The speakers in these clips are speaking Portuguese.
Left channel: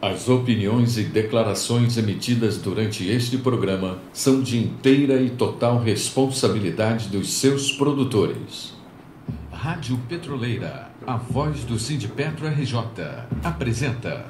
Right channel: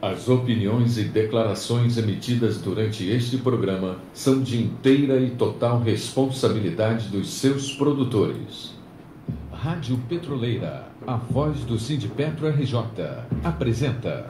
As opiniões e declarações emitidas durante este programa são de inteira e total responsabilidade dos seus produtores. Rádio Petroleira, a voz do Sindipetro RJ, apresenta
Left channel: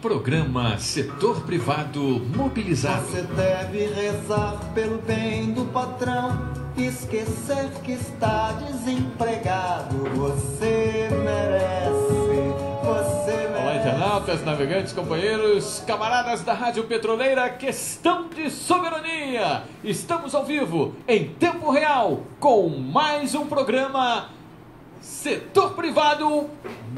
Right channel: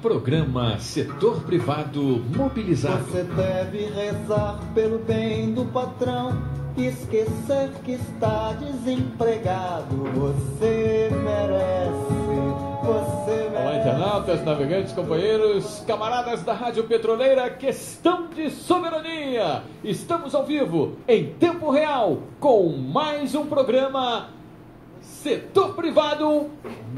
Programa Setor Privado Mobilizado. Você deve rezar pelo bem do patrão, esquecer que está desempregado. Você merece, você merece. Olá, internautas, navegantes, companheiros, camaradas da Rádio Petroleira, questão de soberania. Estamos ao vivo, em tempo real, com mais um programa Setor Privado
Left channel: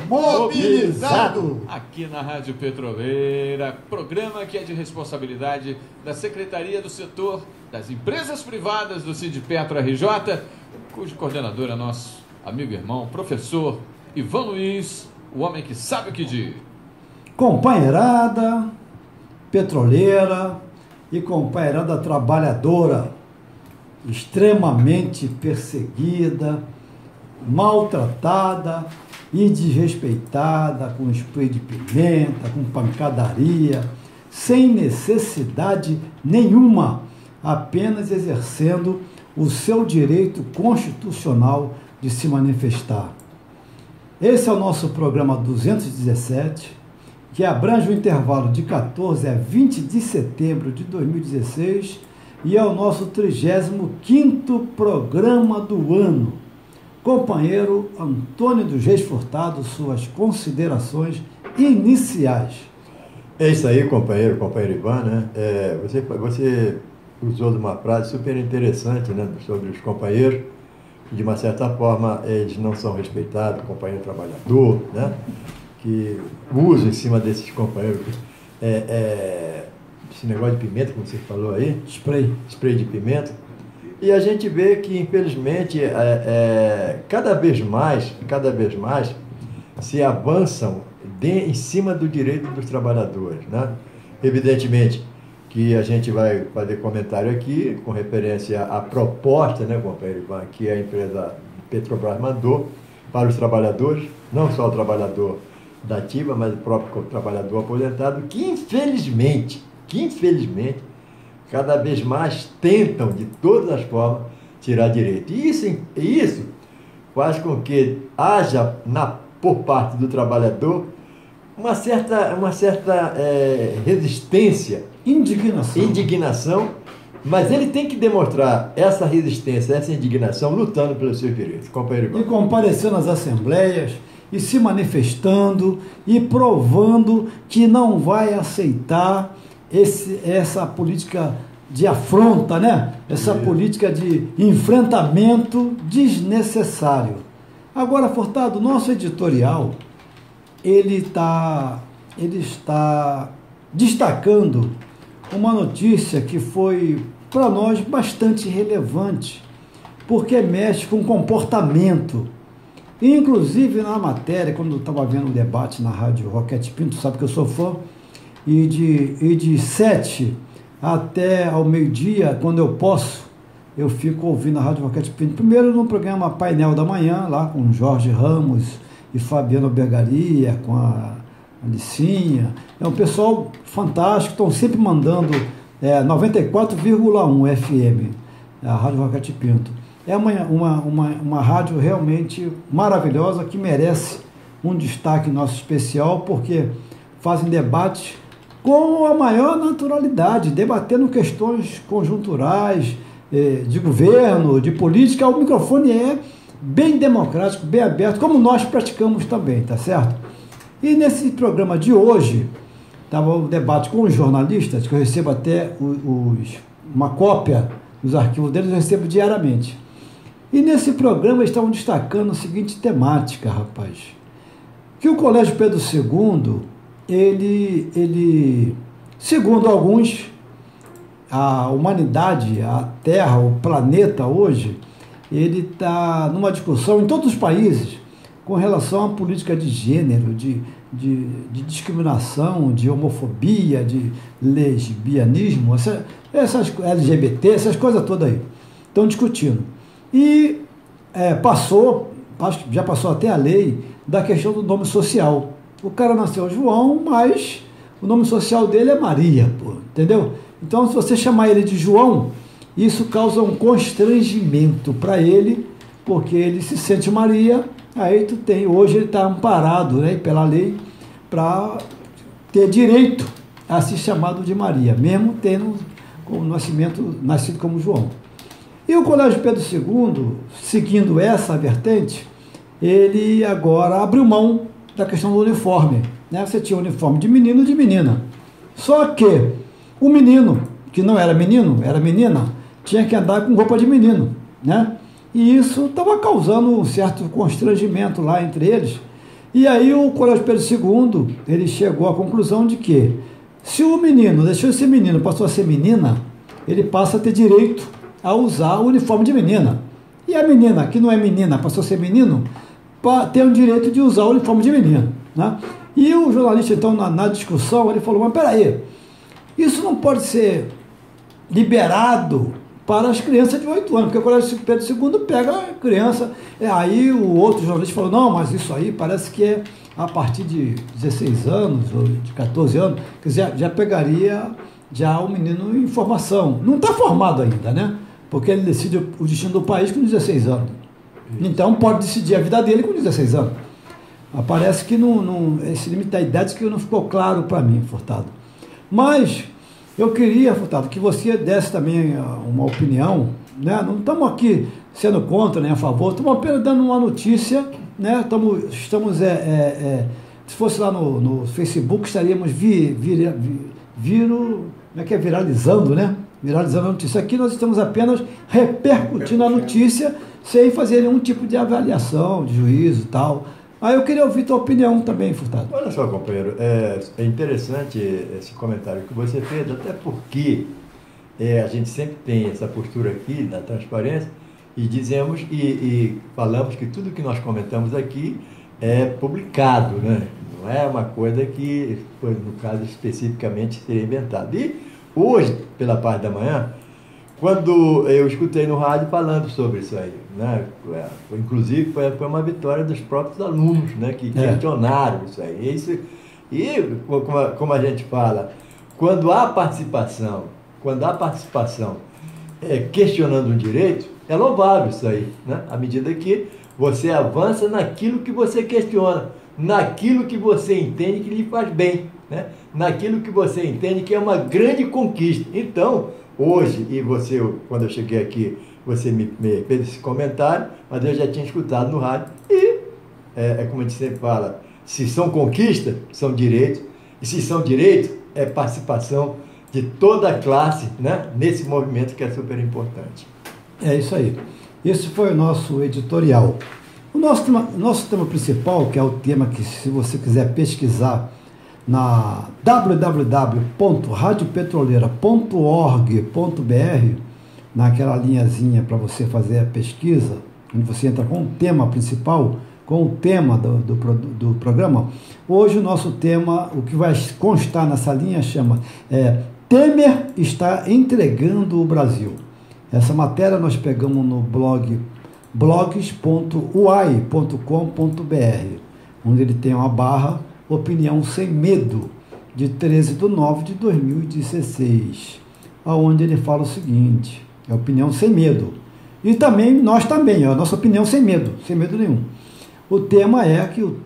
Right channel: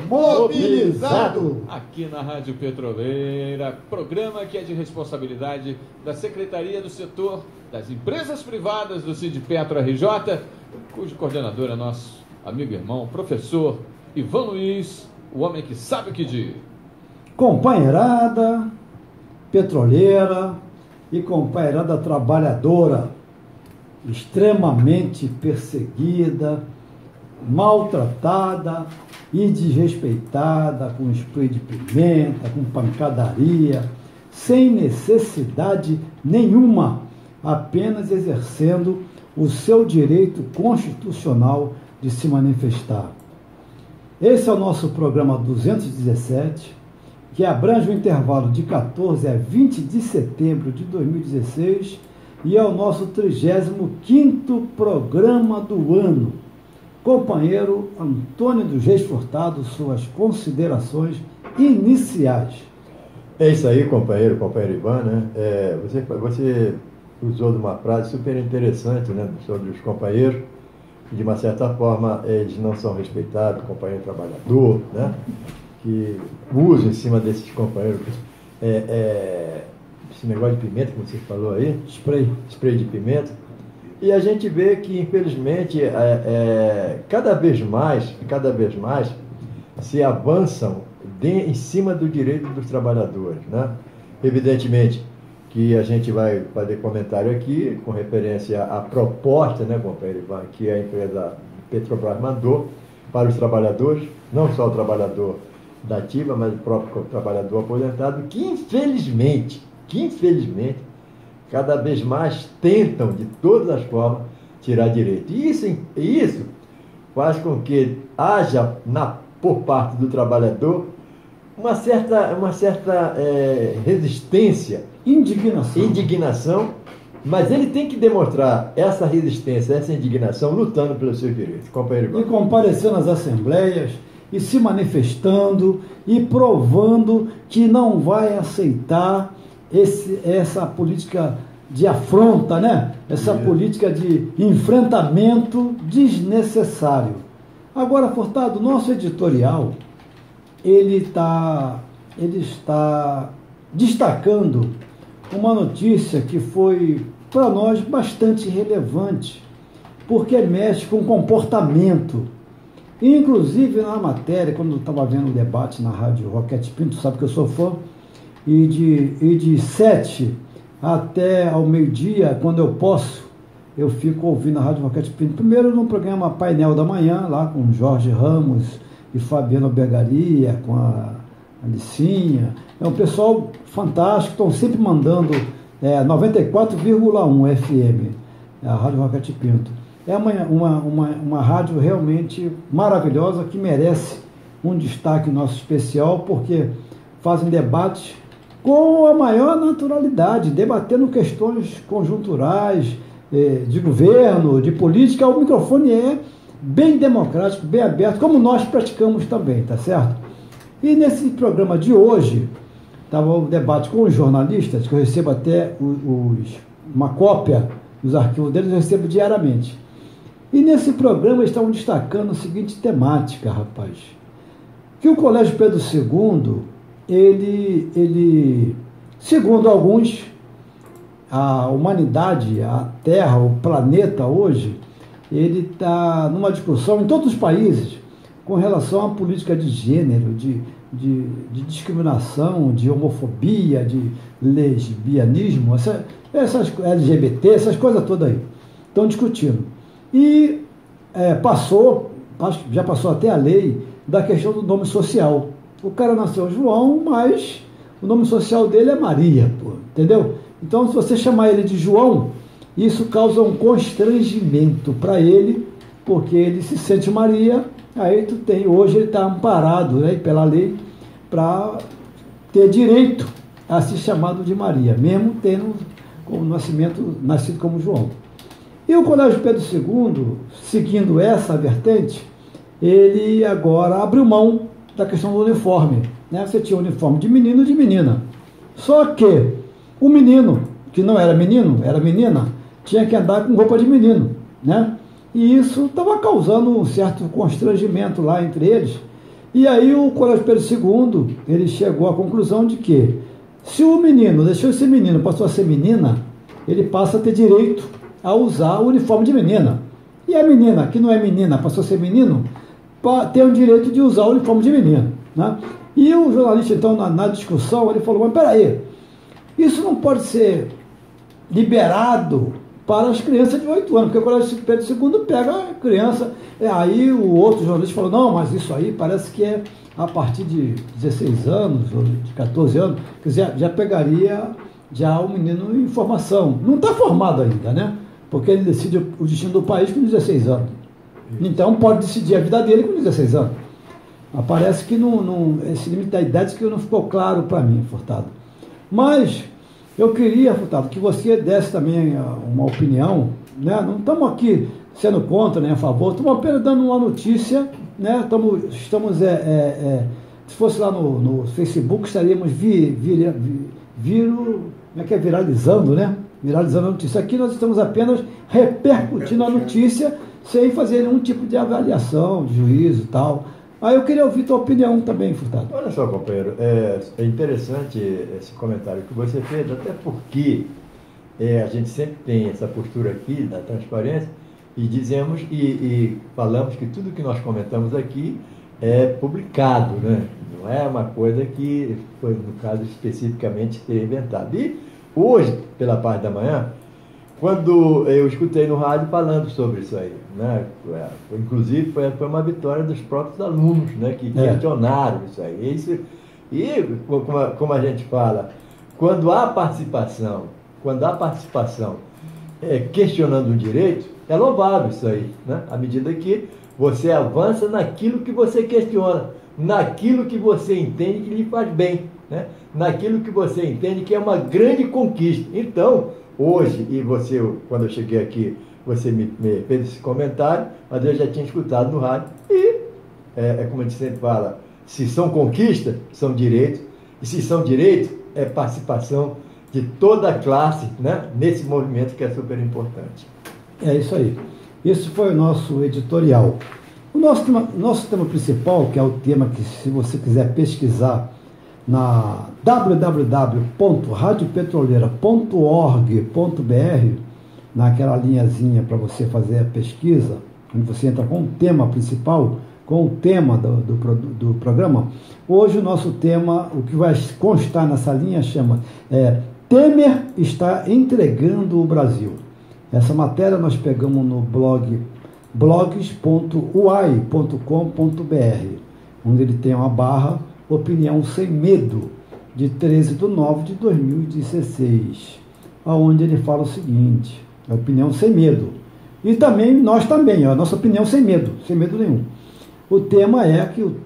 Mobilizado. Aqui na Rádio Petroleira, programa que é de responsabilidade da Secretaria do Setor das Empresas Privadas do Sindipetro RJ, cujo coordenador é nosso amigo e irmão, professor Ivan Luiz, o homem que sabe o que diz. Companheirada petroleira e companheirada trabalhadora, extremamente perseguida, maltratada e desrespeitada, com spray de pimenta, com pancadaria, sem necessidade nenhuma, apenas exercendo o seu direito constitucional de se manifestar. Esse é o nosso programa 217, que abrange o intervalo de 14 a 20 de setembro de 2016 e é o nosso 35º programa do ano. Companheiro Antônio dos Reis Furtado, suas considerações iniciais. É isso aí, companheiro Ivan, né? Você usou de uma frase super interessante, né, sobre os companheiros, que de uma certa forma eles não são respeitados, companheiro trabalhador, né, que usa em cima desses companheiros esse negócio de pimenta que você falou aí, spray de pimenta. E a gente vê que, infelizmente, cada vez mais se avançam em cima do direito dos trabalhadores, né? Evidentemente que a gente vai fazer comentário aqui com referência à proposta, né, companheiro, que a empresa Petrobras mandou para os trabalhadores, não só o trabalhador da ativa, mas o próprio trabalhador aposentado, que infelizmente, cada vez mais tentam, de todas as formas, tirar direito. E isso faz com que haja, por parte do trabalhador, uma certa resistência, indignação, mas ele tem que demonstrar essa resistência, essa indignação, lutando pelos seus direitos. Companheiro. E comparecendo às assembleias, e se manifestando, e provando que não vai aceitar essa política de afronta, né? Essa política de enfrentamento desnecessário. Agora, Furtado, nosso editorial, ele está destacando uma notícia que foi, para nós, bastante relevante, porque mexe com comportamento. Inclusive, na matéria, quando eu estava vendo o debate na Rádio Roquete Pinto, sabe que eu sou fã, e de 7 até ao meio-dia, quando eu posso, eu fico ouvindo a Rádio Roquete Pinto. Primeiro no programa Painel da Manhã, lá com Jorge Ramos e Fabiano Bergaria, com a Alicinha. É um pessoal fantástico, estão sempre mandando 94,1 FM, a Rádio Roquete Pinto. É uma rádio realmente maravilhosa, que merece um destaque nosso especial, porque fazem debates com a maior naturalidade, debatendo questões conjunturais, de governo, de política. O microfone é bem democrático, bem aberto, como nós praticamos também, tá certo? E nesse programa de hoje, estava o debate com os jornalistas, que eu recebo até uma cópia dos arquivos deles, eu recebo diariamente. E nesse programa eles estavam destacando a seguinte temática, rapaz, que o Colégio Pedro II, ele, segundo alguns, a humanidade, a Terra, o planeta hoje, ele está numa discussão em todos os países com relação à política de gênero, de discriminação, de homofobia, de lesbianismo, essas LGBT, essas coisas todas aí. Estão discutindo. E passou acho que já passou até a lei da questão do nome social. O cara nasceu João, mas o nome social dele é Maria, pô, entendeu? Então, se você chamar ele de João, isso causa um constrangimento para ele, porque ele se sente Maria. Aí hoje ele está amparado, né, pela lei para ter direito a ser chamado de Maria, mesmo tendo nascido como João. E o Colégio Pedro II, seguindo essa vertente, ele agora abriu mão da questão do uniforme, né? Você tinha uniforme de menino e de menina. Só que o menino, que não era menino, era menina, tinha que andar com roupa de menino, né? E isso estava causando um certo constrangimento lá entre eles. E aí o Colégio Pedro II, ele chegou à conclusão de que se o menino deixou de ser menino, passou a ser menina, ele passa a ter direito a usar o uniforme de menina. E a menina, que não é menina, passou a ser menino, tem o direito de usar o uniforme de menino, né? E o jornalista, então, na discussão, ele falou, mas peraí, isso não pode ser liberado para as crianças de 8 anos, porque o Colégio Pedro II pega a criança, aí o outro jornalista falou, não, mas isso aí parece que é a partir de 16 anos, ou de 14 anos, que já pegaria já o menino em formação. Não está formado ainda, né? Porque ele decide o destino do país com 16 anos. Então pode decidir a vida dele com 16 anos. Mas parece que esse limite da idade que não ficou claro para mim, Furtado. Mas eu queria, Furtado, que você desse também uma opinião, né? Não estamos aqui sendo contra nem a favor, estamos apenas dando uma notícia, né? Estamos se fosse lá no Facebook, estaríamos viralizando, né? Viralizando a notícia. Aqui nós estamos apenas repercutindo a notícia sem fazer nenhum tipo de avaliação, de juízo e tal. Aí eu queria ouvir tua opinião também, Furtado. Olha só, companheiro, é interessante esse comentário que você fez, até porque a gente sempre tem essa postura aqui da transparência e dizemos e falamos que tudo que nós comentamos aqui é publicado, né? Não é uma coisa que foi, no caso, especificamente ser inventado. E hoje, pela parte da manhã, quando eu escutei no rádio falando sobre isso aí, né? Inclusive foi uma vitória dos próprios alunos, né? Que questionaram isso aí. E como a gente fala, quando há participação questionando um direito, é louvável isso aí, né? À medida que você avança naquilo que você questiona, naquilo que você entende que lhe faz bem, né? Naquilo que você entende que é uma grande conquista. Então, hoje, e você, quando eu cheguei aqui, você me fez esse comentário, mas eu já tinha escutado no rádio, e como a gente sempre fala, se são conquistas, são direitos, e se são direitos, é participação de toda a classe, né, nesse movimento que é super importante. É isso aí. Esse foi o nosso editorial. O nosso tema principal, que é o tema que, se você quiser pesquisar na www.radiopetroleira.org.br, naquela linhazinha para você fazer a pesquisa, onde você entra com o tema principal, com o tema do programa. Hoje o nosso tema, o que vai constar nessa linha, chama Temer está entregando o Brasil. Essa matéria nós pegamos no blog blogs.uai.com.br, onde ele tem uma barra Opinião Sem Medo, de 13/9/2016, onde ele fala o seguinte, é opinião sem medo. E também, nós também, a nossa opinião sem medo nenhum. O tema é que o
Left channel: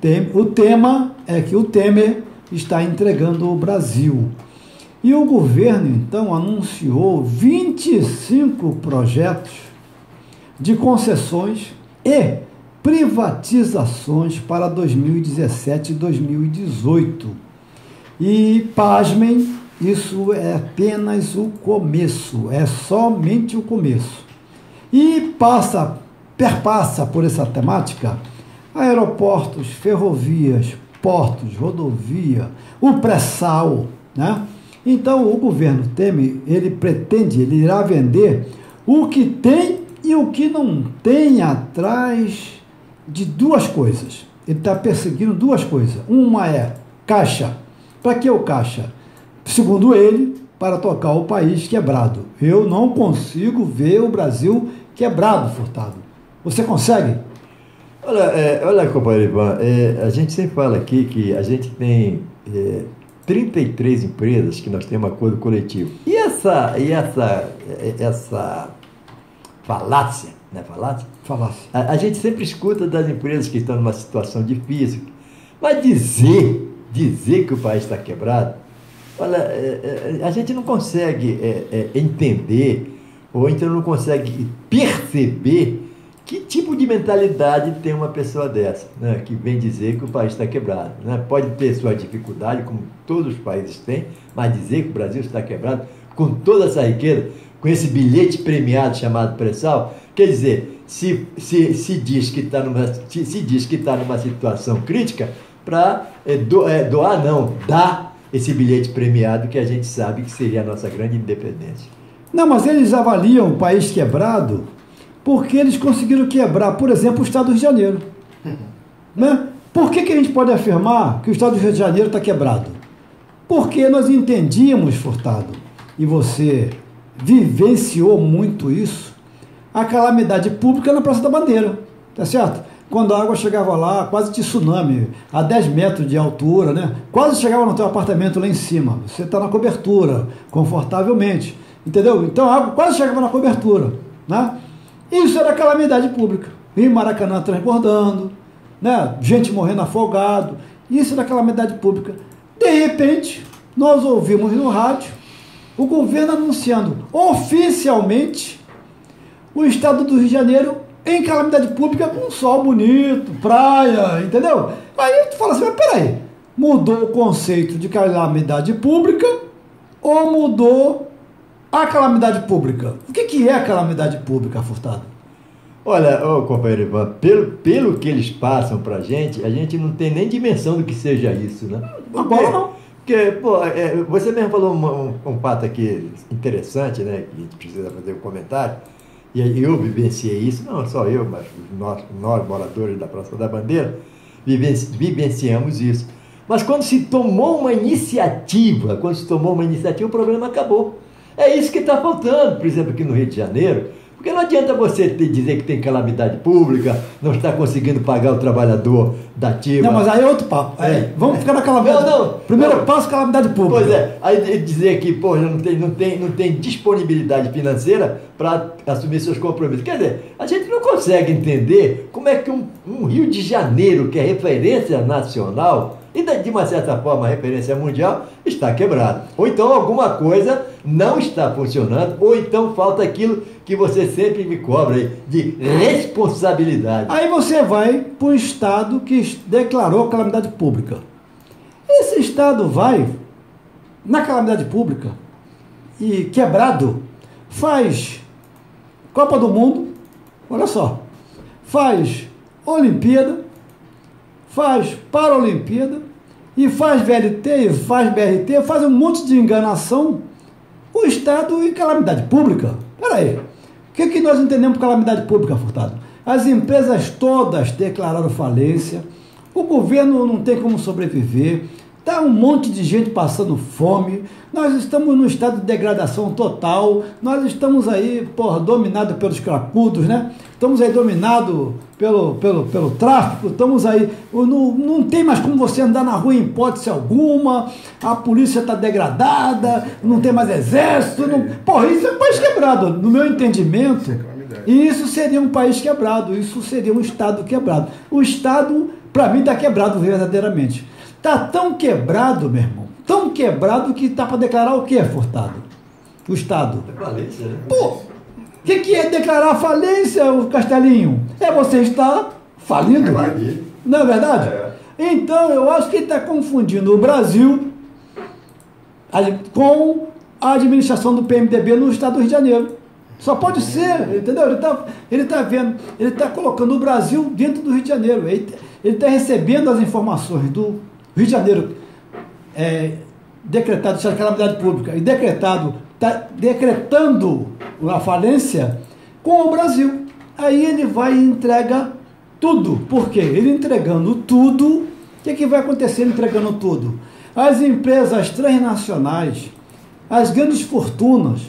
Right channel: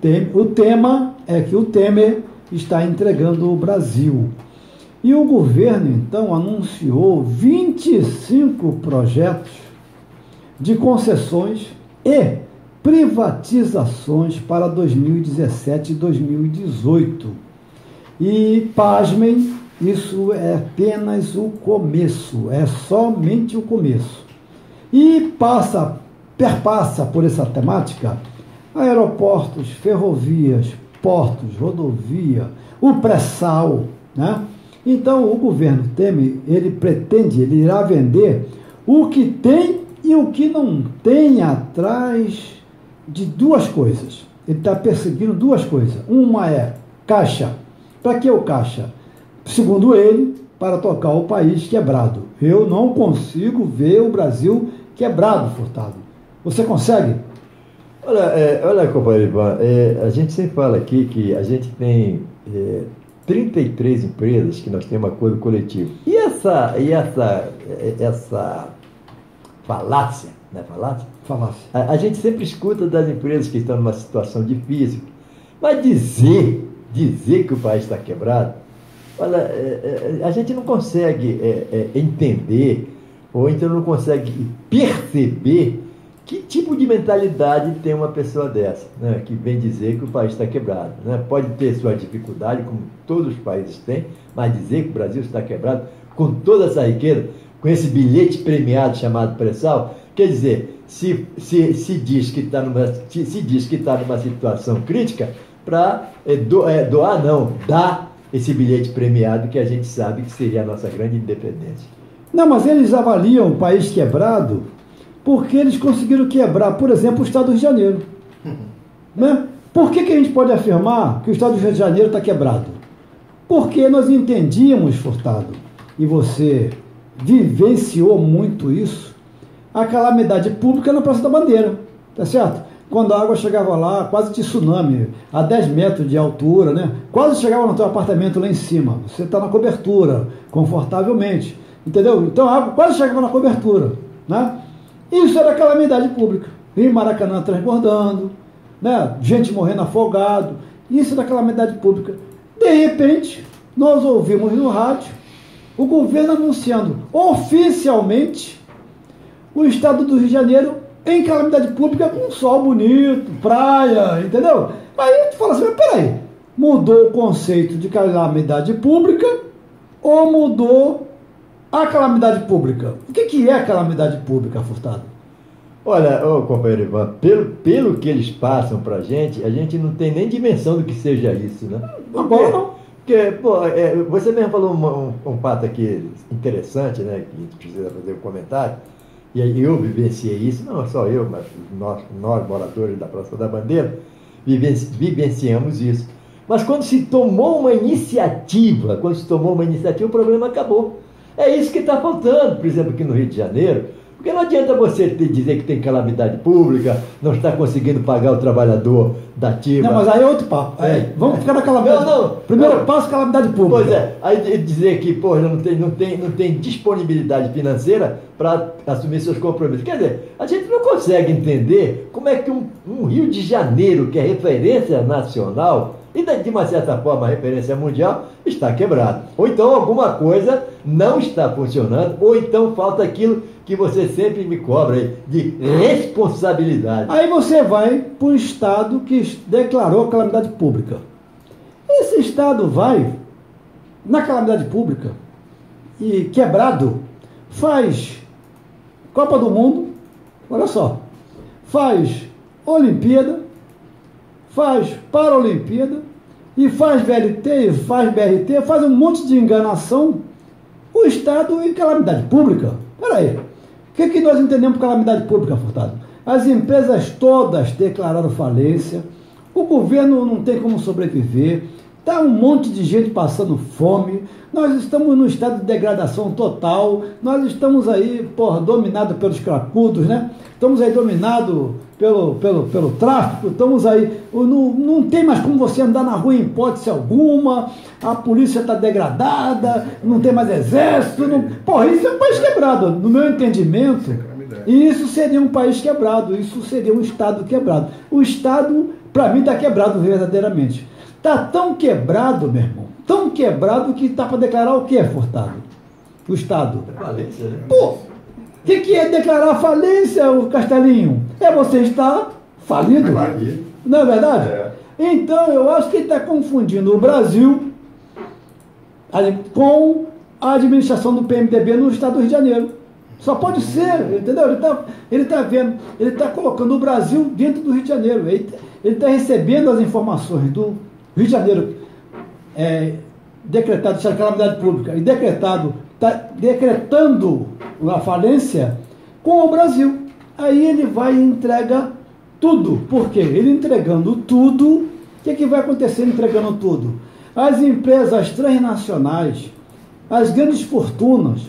Temer está entregando o Brasil. E o governo, então, anunciou 25 projetos de concessões e privatizações para 2017 e 2018. E, pasmem, isso é apenas o começo, é somente o começo. E perpassa por essa temática aeroportos, ferrovias, portos, rodovia, o pré-sal, né? Então, o governo Temer, ele irá vender o que tem e o que não tem atrás de duas coisas. Ele está perseguindo duas coisas. Uma é caixa. Para que o caixa? Segundo ele, para tocar o país quebrado. Eu não consigo ver o Brasil quebrado, Furtado. Você consegue? Olha, companheiro Ivan, a gente sempre fala aqui que a gente tem 33 empresas que nós temos acordo coletivo. E essa falácia, né? Falácia. A gente sempre escuta das empresas que estão numa situação difícil, mas dizer que o país está quebrado, olha, a gente não consegue entender, ou então não consegue perceber que tipo de mentalidade tem uma pessoa dessa, né, que vem dizer que o país está quebrado. Né? Pode ter sua dificuldade, como todos os países têm, mas dizer que o Brasil está quebrado, com toda essa riqueza, com esse bilhete premiado chamado pré-sal, quer dizer, se diz que está numa situação crítica, para dar esse bilhete premiado que a gente sabe que seria a nossa grande independência. Não, mas eles avaliam o país quebrado porque eles conseguiram quebrar, por exemplo, o Estado do Rio de Janeiro. Né? Por que a gente pode afirmar que o Estado do Rio de Janeiro está quebrado? Porque nós entendíamos, Furtado, e você vivenciou muito isso, a calamidade pública na Praça da Bandeira, tá certo? Quando a água chegava lá, quase de tsunami, a 10 metros de altura, né? Quase chegava no teu apartamento lá em cima. Você está na cobertura, confortavelmente, entendeu? Então a água quase chegava na cobertura, né? Isso era calamidade pública. Rio Maracanã transbordando, né? Gente morrendo afogado. Isso era calamidade pública. De repente, nós ouvimos no rádio o governo anunciando oficialmente o Estado do Rio de Janeiro em calamidade pública com sol bonito, praia, entendeu? Aí tu fala assim, mas peraí, mudou o conceito de calamidade pública ou mudou a calamidade pública? O que é calamidade pública, Furtado? Olha, companheiro Ivan, pelo que eles passam pra gente, a gente não tem nem dimensão do que seja isso, né? Porque você mesmo falou um fato aqui interessante, né? Que a gente precisa fazer um comentário. E aí eu vivenciei isso, não só eu, mas nós moradores da Praça da Bandeira, vivenciamos isso. Mas quando se tomou uma iniciativa, o problema acabou. É isso que está faltando, por exemplo, aqui no Rio de Janeiro, porque não adianta você dizer que tem calamidade pública, não está conseguindo pagar o trabalhador da ativa. Não, mas aí é outro papo. Vamos ficar na calamidade. Primeiro passo, calamidade pública. Pois é, aí dizer que não tem disponibilidade financeira para assumir seus compromissos. Quer dizer, a gente não consegue entender como é que um Rio de Janeiro, que é referência nacional, e de uma certa forma referência mundial, está quebrado. Ou então alguma coisa não está funcionando, ou então falta aquilo que você sempre me cobra aí, de responsabilidade. Aí você vai para o Estado que declarou calamidade pública. Esse Estado vai na calamidade pública e quebrado, faz Copa do Mundo, olha só, faz Olimpíada, faz Paralimpíada, e faz VLT, e faz BRT, faz um monte de enganação, o Estado em calamidade pública. Peraí, o que nós entendemos por calamidade pública, Furtado? As empresas todas declararam falência, o governo não tem como sobreviver, está um monte de gente passando fome, nós estamos num estado de degradação total, nós estamos aí, dominados pelos crapudos, né? Estamos aí dominados pelo tráfico, estamos aí, não tem mais como você andar na rua em hipótese alguma, a polícia está degradada, não tem mais exército, isso é um país quebrado, no meu entendimento, e isso seria um país quebrado, isso seria um Estado quebrado. O Estado, para mim, está quebrado verdadeiramente. Está tão quebrado, meu irmão, tão quebrado que está para declarar o quê, Furtado? O Estado. Falência, né? O que é declarar falência, o Castelinho? É você estar falindo. Não é verdade? Então, eu acho que ele está confundindo o Brasil com a administração do PMDB no Estado do Rio de Janeiro. Só pode ser, entendeu? Ele está vendo, ele está colocando o Brasil dentro do Rio de Janeiro. Ele está recebendo as informações do Rio de Janeiro, decretado de calamidade pública, e está decretando a falência com o Brasil. Aí ele vai e entrega tudo. Por quê? Ele entregando tudo, o que vai acontecer entregando tudo? As empresas transnacionais, as grandes fortunas,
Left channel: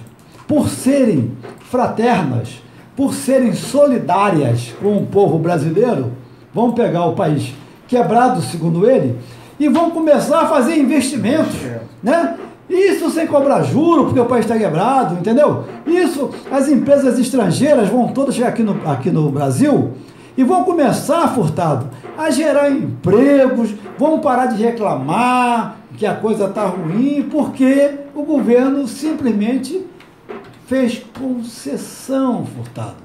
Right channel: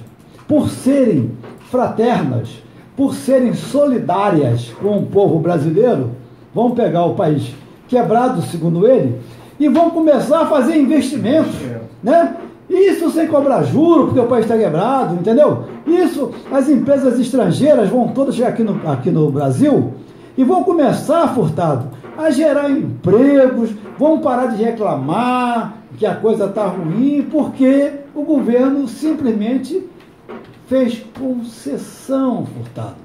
por serem fraternas, por serem solidárias com o povo brasileiro, vão pegar o país quebrado, segundo ele, e vão começar a fazer investimentos, né? Isso sem cobrar juro, porque o país está quebrado, entendeu? Isso, as empresas estrangeiras vão todas chegar aqui no Brasil e vão começar, Furtado, a gerar empregos, vão parar de reclamar que a coisa está ruim, porque o governo simplesmente fez concessão, Furtado.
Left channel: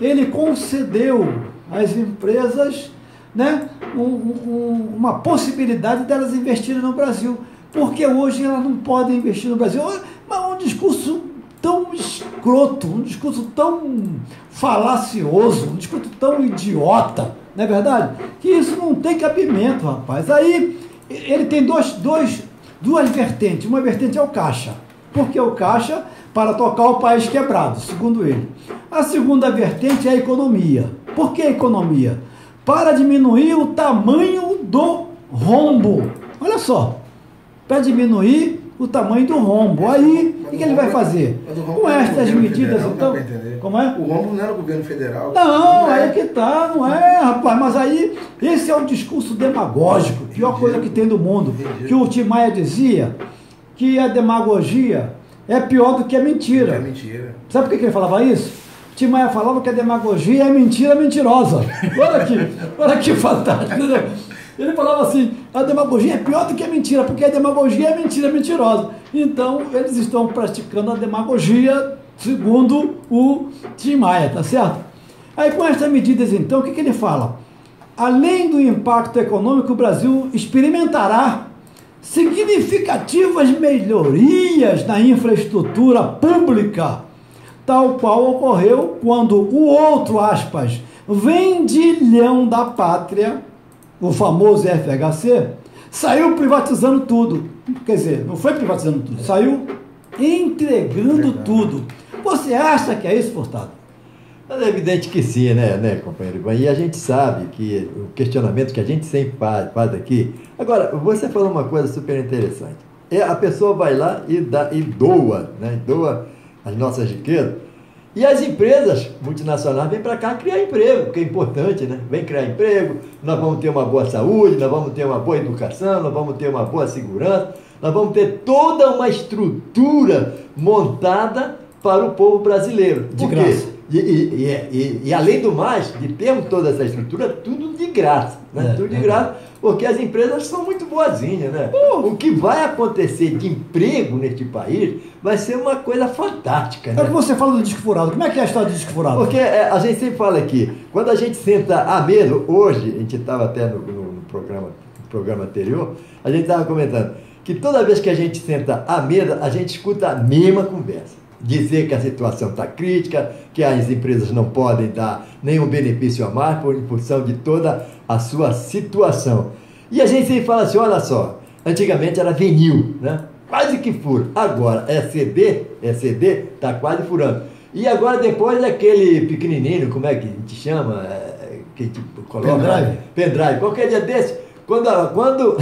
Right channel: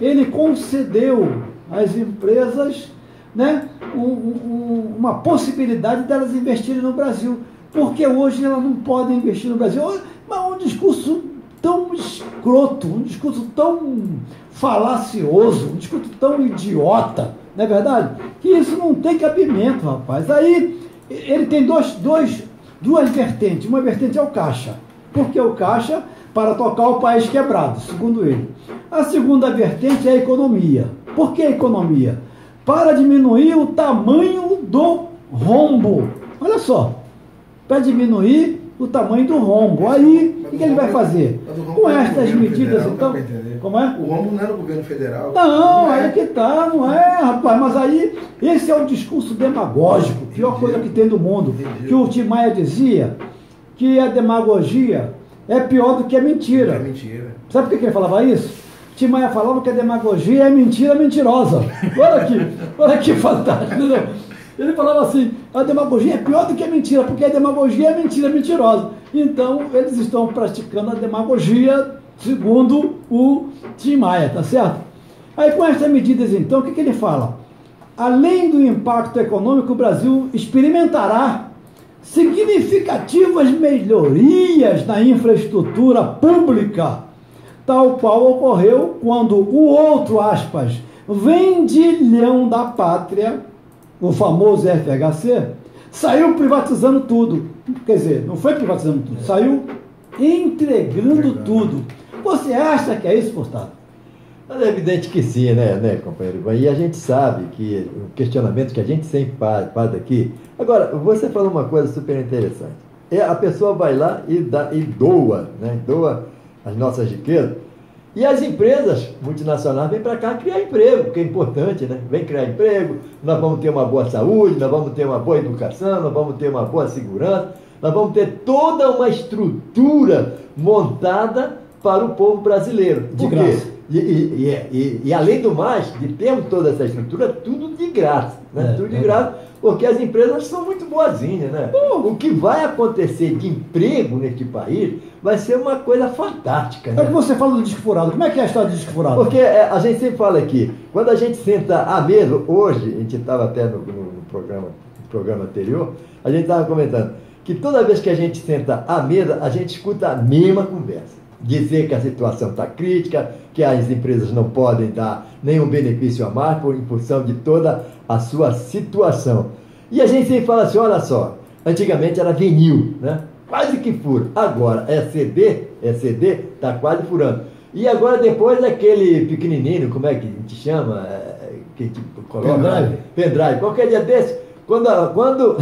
Ele concedeu às empresas, né, uma possibilidade delas investirem no Brasil, porque hoje elas não podem investir no Brasil. Mas um discurso tão escroto, um discurso tão falacioso, um discurso tão idiota, não é verdade? Que isso não tem cabimento, rapaz. Aí ele tem duas vertentes. Uma vertente é o Caixa, porque o Caixa para tocar o país quebrado, segundo ele. A segunda vertente é a economia. Por que a economia? Para diminuir o tamanho do rombo. Olha só, para diminuir o tamanho do rombo. Aí, o que ele vai fazer? Com estas medidas, então... Como é? O rombo não é no governo federal. Não, é que tá, não é, rapaz. Mas aí, esse é um discurso demagógico, pior coisa que tem do mundo. Que o Tim Maia dizia que a demagogia é pior do que a mentira. É mentira. Sabe por que ele falava isso? Tim Maia falava que a demagogia é mentira mentirosa. Olha que fantástico, entendeu? Ele falava assim, a demagogia é pior do que a mentira, porque a demagogia é mentira mentirosa. Então, eles estão praticando a demagogia segundo o Tim Maia, tá certo? Aí, com essas medidas, então, o que ele fala? Além do impacto econômico, o Brasil experimentará significativas melhorias na infraestrutura pública, tal qual ocorreu quando o outro, aspas, vendilhão da pátria, o famoso FHC, saiu privatizando tudo. Quer dizer, não foi privatizando tudo, saiu entregando tudo. Você acha que é isso, Furtado? É evidente que sim, né, companheiro? E a gente sabe que o questionamento que a gente sempre faz aqui... Agora, você falou uma coisa super interessante. A pessoa vai lá e doa, né? Doa as nossas riquezas. E as empresas multinacionais vêm para cá criar emprego, que é importante, né? Vem criar emprego, nós vamos ter uma boa saúde, nós vamos ter uma boa educação, nós vamos ter uma boa segurança, nós vamos ter toda uma estrutura montada para o povo brasileiro. De graça. E além do mais, de termos toda essa estrutura, tudo de graça, né? Tudo de graça, porque as empresas são muito boazinhas, né? O que vai acontecer de emprego neste país vai ser uma coisa fantástica, né? É o que você fala do disco furado. Como é que é a história do disco furado? Porque a gente sempre fala aqui, quando a gente senta à mesa, hoje, a gente estava até no programa anterior, a gente estava comentando que toda vez que a gente senta à mesa, a gente escuta a mesma conversa. Dizer que a situação está crítica, que as empresas não podem dar nenhum benefício a mais por função de toda a sua situação. E a gente sempre fala assim, olha só, antigamente era vinil, né? Quase que fura. Agora é CD, está quase furando. E agora depois aquele pequenininho, como é que a gente chama? Que a gente coloca? Pendrive. Qualquer dia desse, quando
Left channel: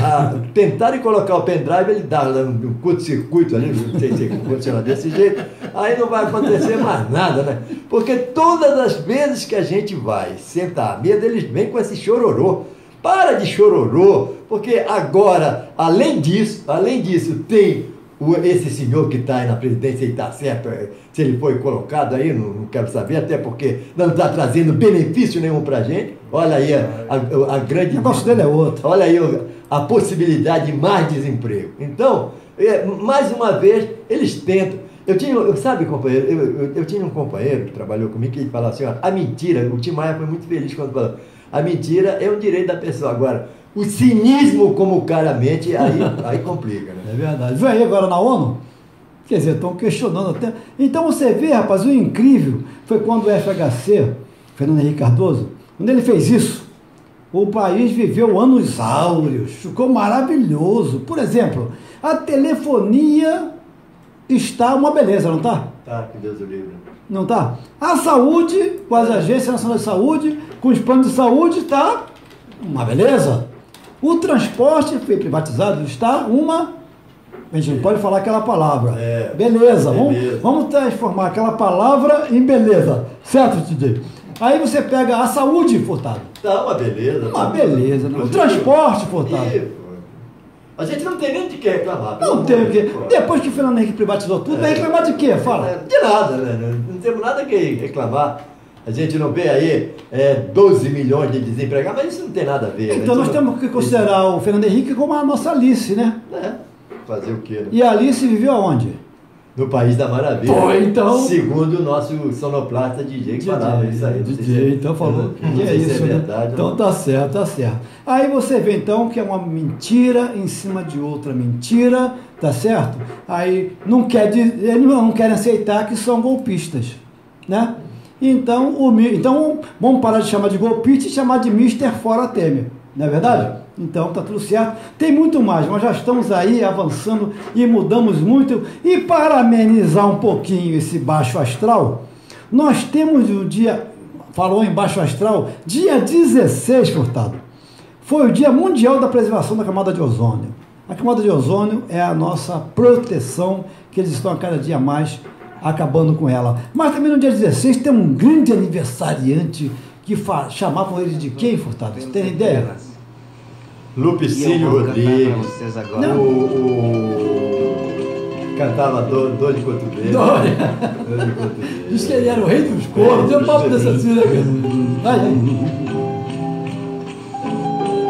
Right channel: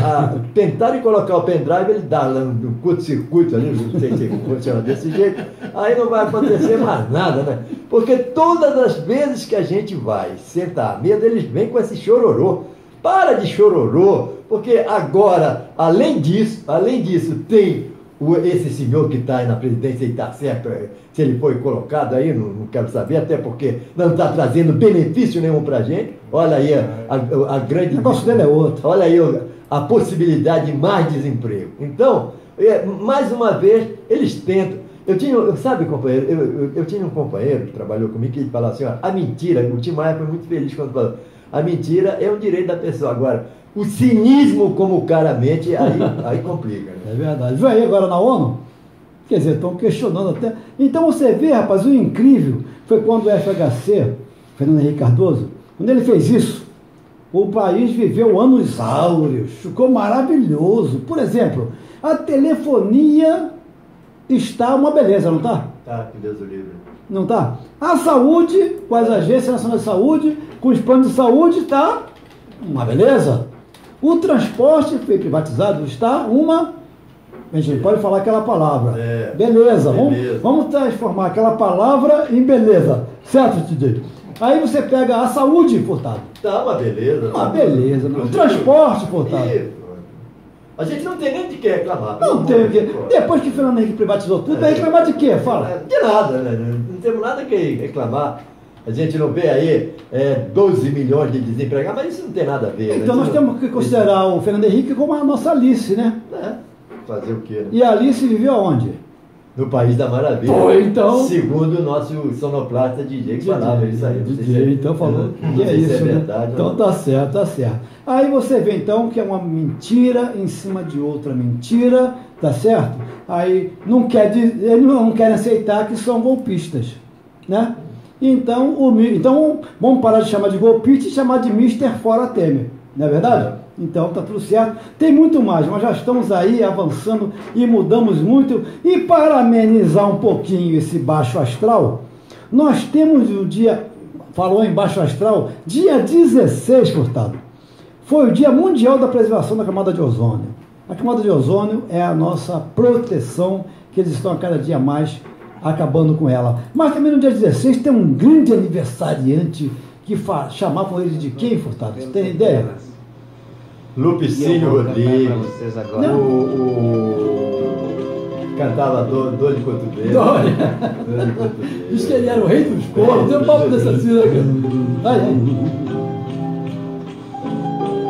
tentarem colocar o pendrive, ele dá um curto-circuito ali, não sei se funciona desse jeito, aí não vai acontecer mais nada, né? Porque todas as vezes que a gente vai sentar à mesa, eles vêm com esse chororô. Para de chororô, porque agora, além disso, tem esse senhor que está aí na presidência e está certo, se ele foi colocado aí, não quero saber, até porque não está trazendo benefício nenhum para a gente. Olha aí a grande... O negócio dele é outro. Olha aí a possibilidade de mais desemprego. Então, mais uma vez, eles tentam. Sabe, companheiro, eu tinha um companheiro que trabalhou comigo que ele falava assim, ó, a mentira, o Tim Maia foi muito feliz quando falou, a mentira é um direito da pessoa. Agora, o cinismo como cara mente, aí complica. Né? É verdade. Vem aí agora na ONU, quer dizer, estão questionando até. Então você vê, rapaz, o incrível foi quando o FHC, Fernando Henrique Cardoso, quando ele fez isso, o país viveu anos áureos, ficou maravilhoso. Por exemplo, a telefonia está uma beleza, não está? Tá, que Deus o livre. Não está? A saúde, com as agências nacionais de saúde, com os planos de saúde, está uma beleza. O transporte foi privatizado, está uma... A gente não pode falar aquela palavra. Beleza. Vamos transformar aquela palavra em beleza. Certo, Titi? Aí você pega a saúde, Furtado. Tá uma beleza. Uma beleza. O transporte, Furtado. A gente não tem nem de que reclamar. Não tem o quê. Depois que o Fernando Henrique privatizou tudo, vai reclamar de quê? Fala. De nada, né? Não temos nada que reclamar. A gente não vê aí 12 milhões de desempregados, mas isso não tem nada a ver. Então nós temos que considerar o Fernando Henrique como a nossa Alice, né? Fazer o quê? Né? E a Alice viveu aonde? No País da Maravilha. Pô, então... Segundo o nosso sonoplasta DJ que falava isso aí. DJ, então falou que é isso, né? Verdade, então tá certo, tá certo. Aí você vê então que é uma mentira em cima de outra mentira, tá certo? Aí eles não querem aceitar que são golpistas, né? Então vamos parar de chamar de golpista e chamar de Mister Fora Temer, não é verdade? Então tá tudo certo. Tem muito mais, mas já estamos aí avançando e mudamos muito. E para amenizar um pouquinho esse baixo astral, nós temos o dia, falou em baixo astral, dia 16, Furtado, foi o Dia Mundial da Preservação da Camada de Ozônio. A camada de ozônio é a nossa proteção, que eles estão a cada dia mais acabando com ela. Mas também no dia 16 tem um grande aniversariante que chamavam eles de quem, Furtado? Você tem ideia? Lupicínio Rodrigues, o cantava Dor de Cotovelo. Dor de Cotovelo. Diz que ele era o rei dos cornos, eu falo dessa assim,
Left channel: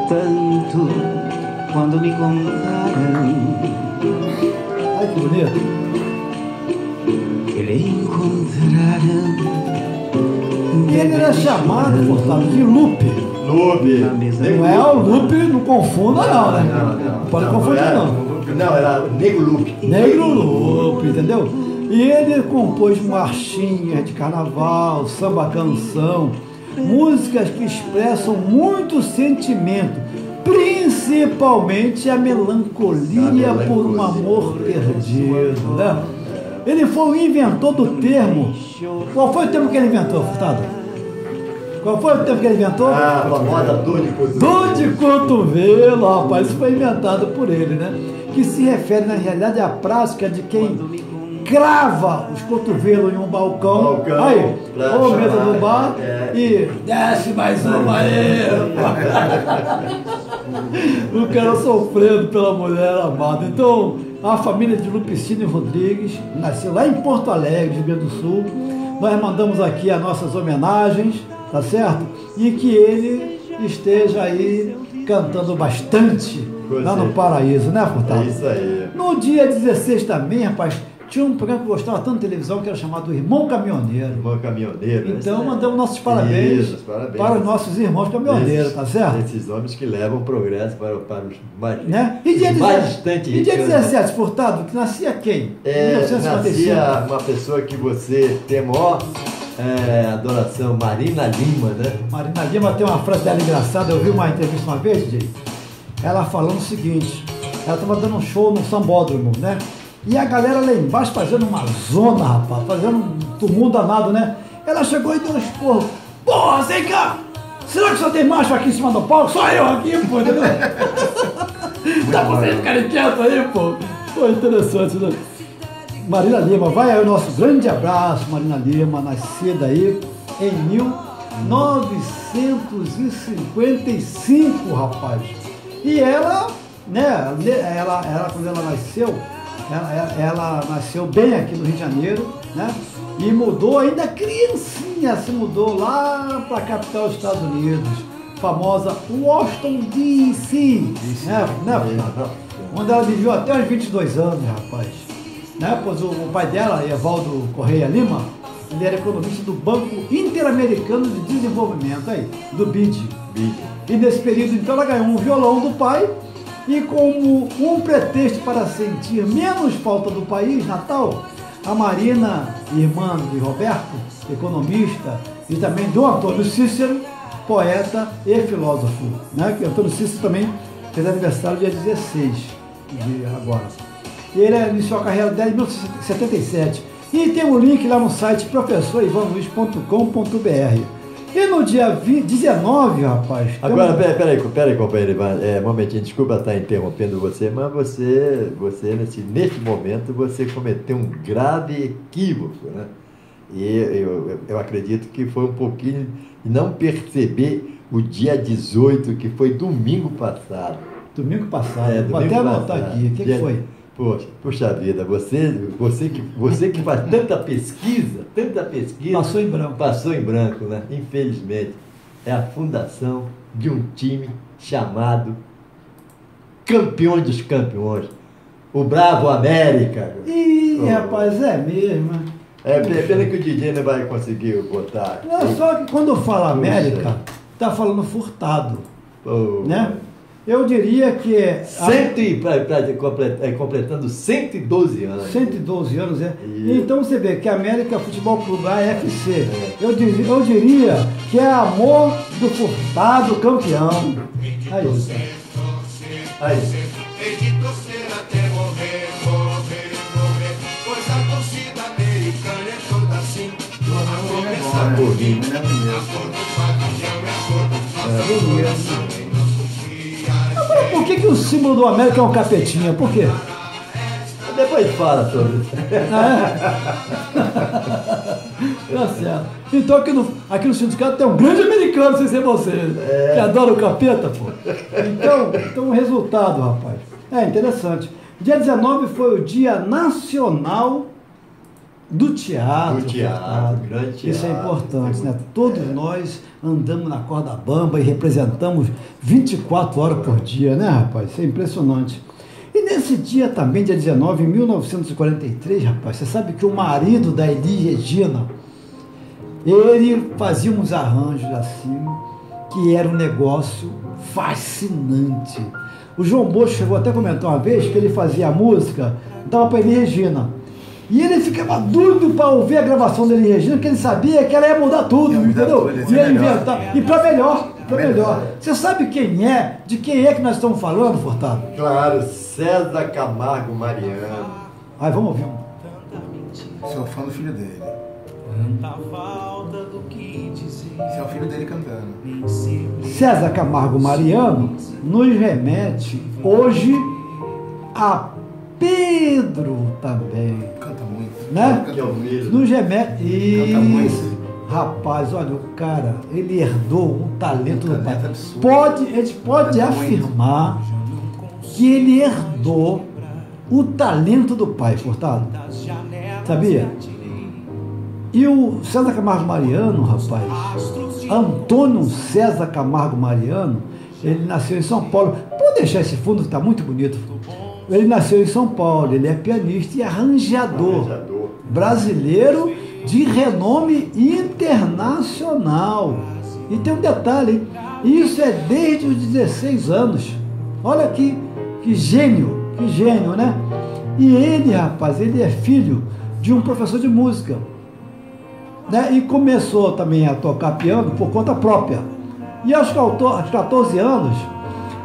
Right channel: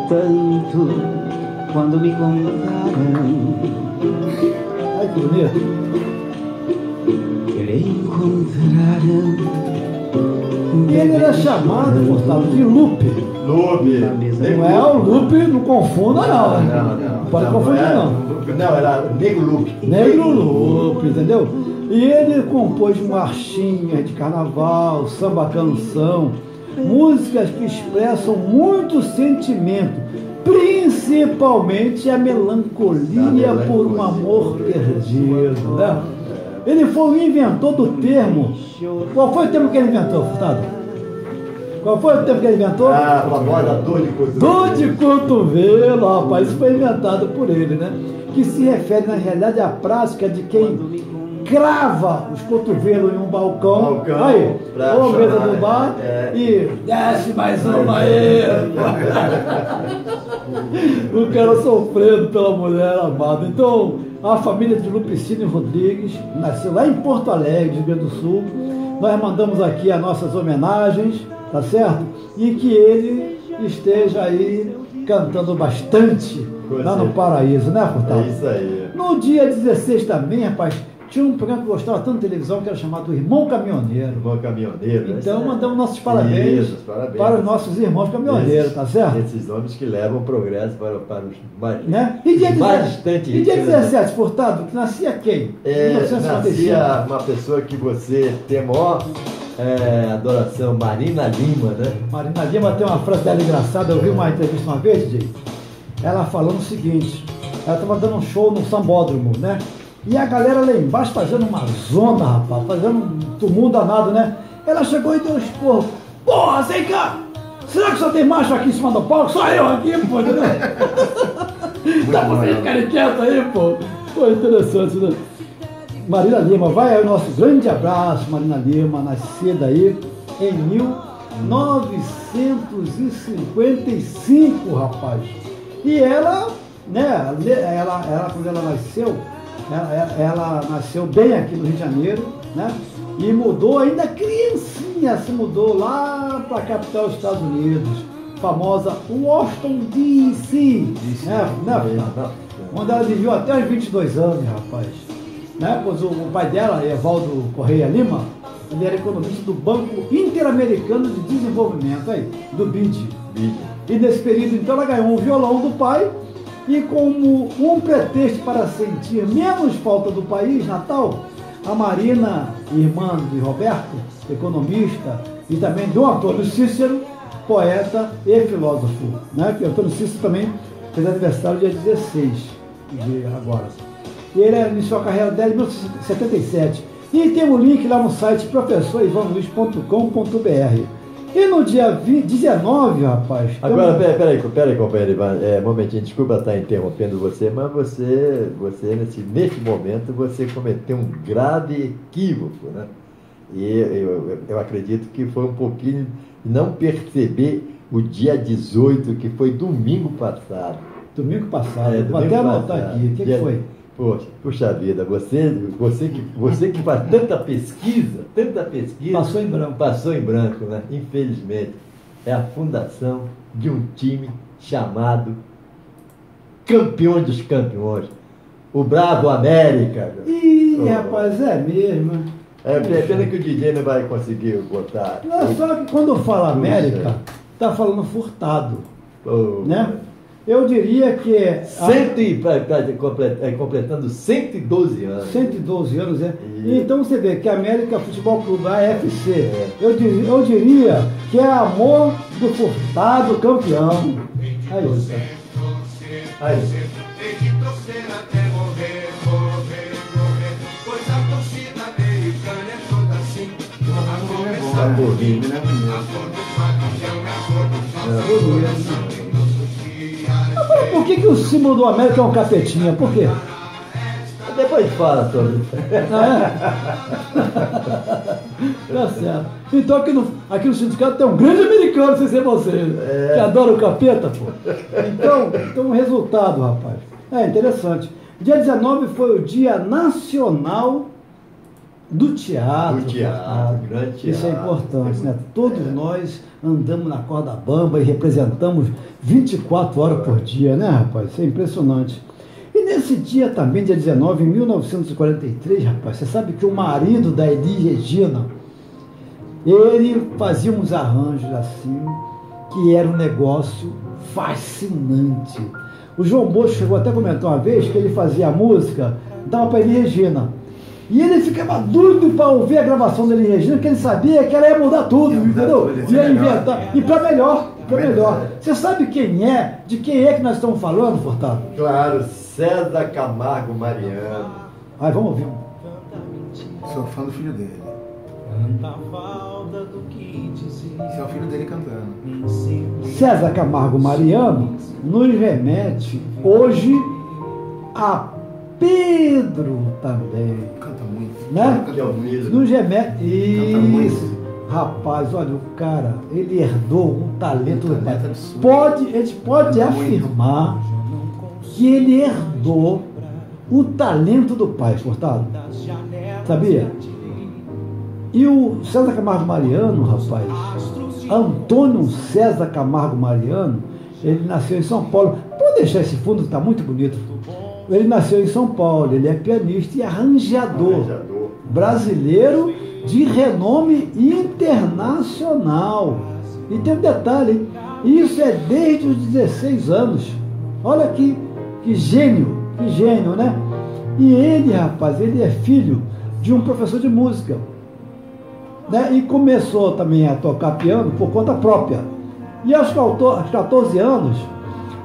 Tanto quando me contaram. Ai, que bonito. Que lhe encontraram. E ele era chamado, Furtado, de Lupe. Lupe. Não é o Lupe, não confunda não, né? Não. Pode confundir não. Não, era Negro Lupe. Negro Lupe, entendeu? E ele compôs marchinhas de carnaval, samba canção, músicas que expressam muito sentimento, principalmente a melancolia por um amor perdido, né? Ele foi o inventor do termo. Qual foi o termo que ele inventou, Furtado? Qual foi o termo que ele inventou? A famosa dor de cotovelo. Dor de cotovelo, rapaz, isso foi inventado por ele, né? Que se refere, na realidade, à prática de quem crava os cotovelos em um balcão, aí, ou mesa do bar, e desce mais uma aí, o cara sofrendo pela mulher amada. Então, a família de Lupicínio Rodrigues nasceu lá em Porto Alegre, Rio Grande do Sul. Nós mandamos aqui as nossas homenagens, tá certo? E que ele esteja aí cantando bastante lá no paraíso, né, Furtado? É isso aí. No dia 16 também, rapaz, tinha um programa que eu gostava tanto de televisão que era chamado Irmão Caminhoneiro. Irmão Caminhoneiro. Então mandamos nossos parabéns, para os nossos irmãos caminhoneiros, tá certo? Esses homens que levam o progresso para os mais, né? E dia, bastante e dia 17, Furtado, que nascia quem? Nascia uma pessoa que você tem maior adoração, Marina Lima, né? Marina Lima tem uma frase dela engraçada, eu vi uma entrevista uma vez, DJ, ela falando o seguinte, ela estava dando um show no Sambódromo, né? E a galera lá embaixo fazendo uma zona, rapaz, fazendo um tumulto danado, né? Ela chegou e deu um esporro. Porra, vem cá! Será que só tem macho aqui em cima do palco? Só eu aqui, pô, entendeu? Dá pra vocês ficarem quietos aí, pô. Pô, interessante, né? Marina Lima, vai aí o nosso grande abraço, Marina Lima, nascida aí em 1955, rapaz. E ela, né, quando ela nasceu, ela nasceu bem aqui no Rio de Janeiro, né? E mudou, ainda criancinha, se mudou lá para a capital dos Estados Unidos, famosa Washington DC, né? Onde ela viveu até os 22 anos, rapaz. Né? Pois o pai dela, Evaldo Correia Lima, ele era economista do Banco Interamericano de Desenvolvimento, aí, do BID. E nesse período, então, ela ganhou um violão do pai. E como um pretexto para sentir menos falta do país natal, a Marina, irmã de Roberto, economista, e também do Antônio Cícero, poeta e filósofo, né? Que Antônio Cícero também fez aniversário dia 16 de agora. E ele iniciou a carreira dela em 1977. E tem um link lá no site professorivanluiz.com.br. E no dia 19, rapaz... Agora, peraí, companheiro Ivan, um momentinho, desculpa estar interrompendo você, mas você neste momento, você cometeu um grave equívoco, né? E eu acredito que foi um pouquinho de não perceber o dia 18, que foi domingo passado. Domingo passado, vou domingo até anotar passado. aqui. O que foi? Puxa vida, você que faz tanta pesquisa. Passou em branco, né? Infelizmente. É a fundação de um time chamado Campeão dos Campeões. O Bravo América. Ih, rapaz, é mesmo. É pena que o DJ não vai conseguir botar. Não, só que quando fala América, tá falando Furtado. Né? Eu diria que completando 112 anos. 112 anos, né? E então você vê que a América Futebol Clube, a AFC, eu diria que é amor do Furtado campeão. Aí. Por que o símbolo do América é um capetinha? Por quê? Depois fala sobre isso. Tá certo. Então aqui no sindicato tem um grande americano, sem ser você, que adora o capeta, pô. Então o resultado, rapaz. É interessante. Dia 19 foi o Dia Nacional do Teatro. Grande teatro. Isso é importante, né? Todos nós andamos na corda bamba e representamos 24 horas por dia, né, rapaz? Isso é impressionante. E nesse dia também, dia 19, em 1943, rapaz, você sabe que o marido da Elis Regina, ele fazia uns arranjos assim, que era um negócio fascinante. O João Bosco chegou até a comentar uma vez que ele fazia a música, dava para Elis Regina. E ele ficava doido para ouvir a gravação da Elis Regina, porque ele sabia que ela ia mudar tudo, entendeu? Ia inventar. E para melhor. Você sabe de quem é que nós estamos falando, Furtado? Claro, César Camargo Mariano. Aí, vamos ouvir. Sou fã do filho dele. Esse é o filho dele cantando. César Camargo Mariano nos remete hoje a Pedro também. Canta muito. Né? Canta muito. Nos remete. Canta muito. Rapaz, olha, o cara, ele herdou um talento do pai. Absurdo. A gente pode afirmar que ele herdou o talento do pai, Furtado. Sabia? E o César Camargo Mariano, rapaz, Antônio César Camargo Mariano, ele nasceu em São Paulo. Pode deixar esse fundo que está muito bonito. Ele nasceu em São Paulo, ele é pianista e arranjador. Brasileiro de renome internacional. E tem um detalhe, hein? Isso é desde os 16 anos. Olha que gênio, né? E ele, rapaz, ele é filho de um professor de música, né? E começou também a tocar piano por conta própria. E aos 14 anos,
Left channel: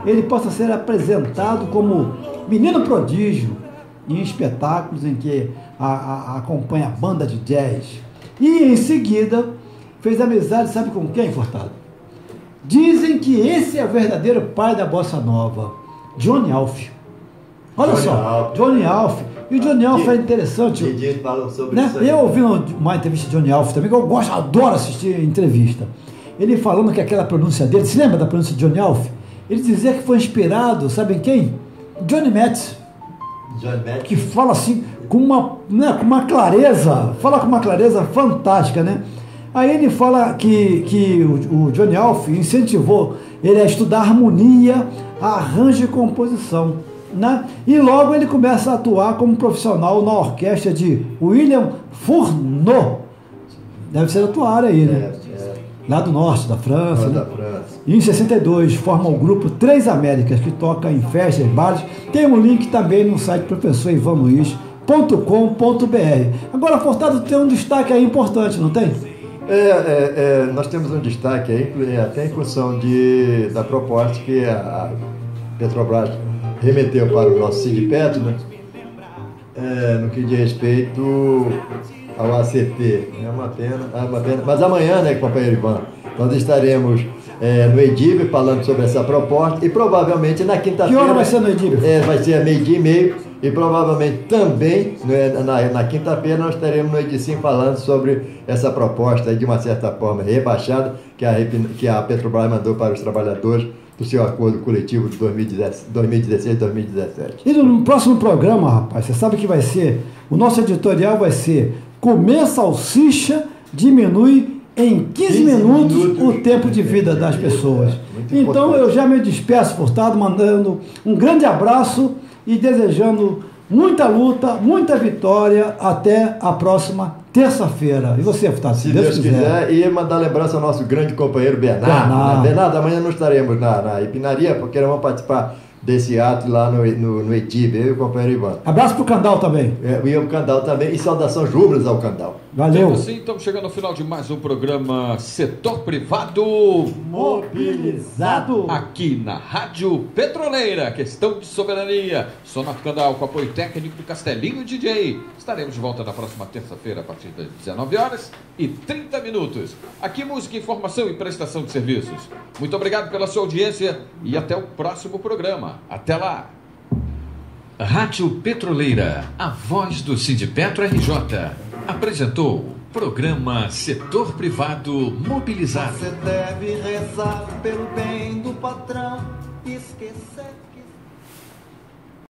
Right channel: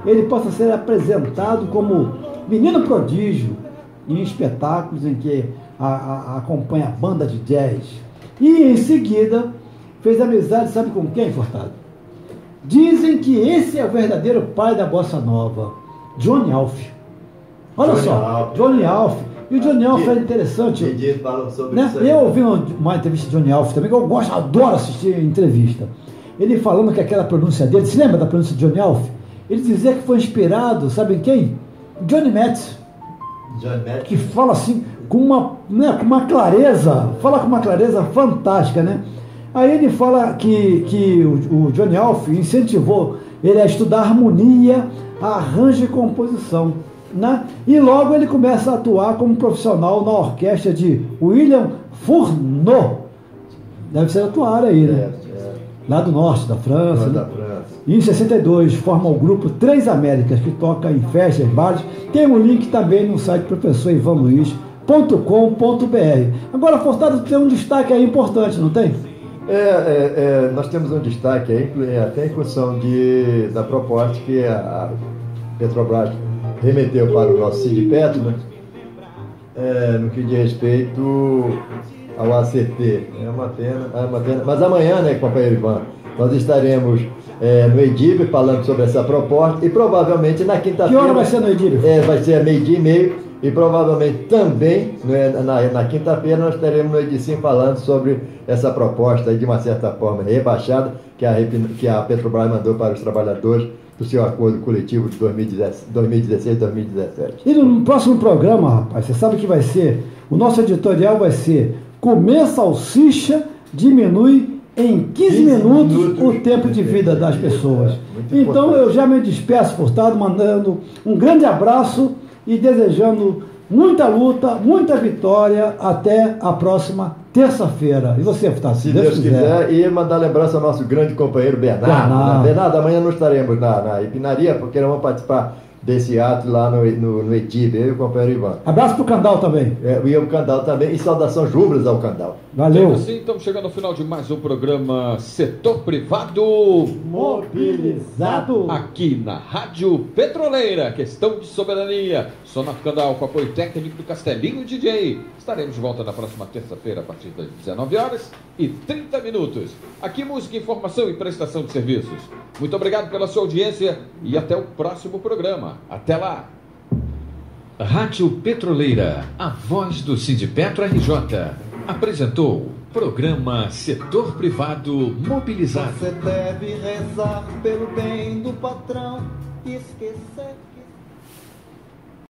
ele passa a ser apresentado como menino prodígio em espetáculos em que acompanha a banda de jazz. E em seguida fez amizade, sabe com quem, Furtado? Dizem que esse é o verdadeiro pai da bossa nova, Johnny Alf. Olha só, Johnny Alf. E o Johnny Alf é interessante. Eles falam sobre né? isso aí. Eu ouvi uma entrevista de Johnny Alf também, que eu adoro assistir entrevista. Ele falando que aquela pronúncia dele, se lembra da pronúncia de Johnny Alf? Ele dizia que foi inspirado, sabe em quem? Johnny Metz. Que fala assim com uma clareza, fala com uma clareza fantástica, né? Aí ele fala que o Johnny Alf incentivou ele a estudar harmonia, arranjo e composição, né? E logo ele começa a atuar como profissional na orquestra de William Fourneau. Deve ser atuário aí, né? Lá do norte da França, né? E em 62 forma o grupo Três Américas, que toca em festas, bares. Tem um link também no site professorivanluiz.com.br. Agora, Furtado, tem um destaque aí importante, não tem? Nós temos um destaque aí, até em função da proposta que a Petrobras remeteu para o nosso Sindipetro, né? No que diz respeito ao ACT. É uma pena. Mas amanhã, né, companheiro Ivan, nós estaremos no EDIB falando sobre essa proposta e provavelmente na quinta-feira... Que hora vai ser no EDIB? Vai ser a 12:30 E provavelmente também, na quinta-feira, nós teremos no Edicim falando sobre essa proposta aí, de uma certa forma rebaixada, que a Petrobras mandou para os trabalhadores do seu acordo coletivo de 2016-2017. E no próximo programa, rapaz, você sabe que vai ser, o nosso editorial vai ser: comer salsicha diminui em 15 minutos o tempo de vida das pessoas. Então eu já me despeço, Furtado, mandando um grande abraço e desejando muita luta, muita vitória. Até a próxima terça-feira. E você, Furtado? Se Deus quiser. E mandar lembrança ao nosso grande companheiro Bernardo. Bernardo, amanhã não estaremos na Ipinaria, porque nós vamos participar desse ato lá no ETIB, eu e o companheiro Ivan. Abraço pro Candal também. E o Candal também, e saudações rubras ao Candal. Valeu. Assim, estamos chegando ao final de mais um programa Setor Privado Mobilizado. Aqui na Rádio Petroleira, questão de soberania. Sonato Candal com apoio técnico do Castelinho DJ. Estaremos de volta na próxima terça-feira a partir das 19h30. Aqui música, informação e prestação de serviços. Muito obrigado pela sua audiência e até o próximo programa. Até lá. Rádio Petroleira, a voz do Sindipetro RJ, apresentou programa Setor Privado Mobilizado. Você deve rezar pelo bem do patrão e esquecer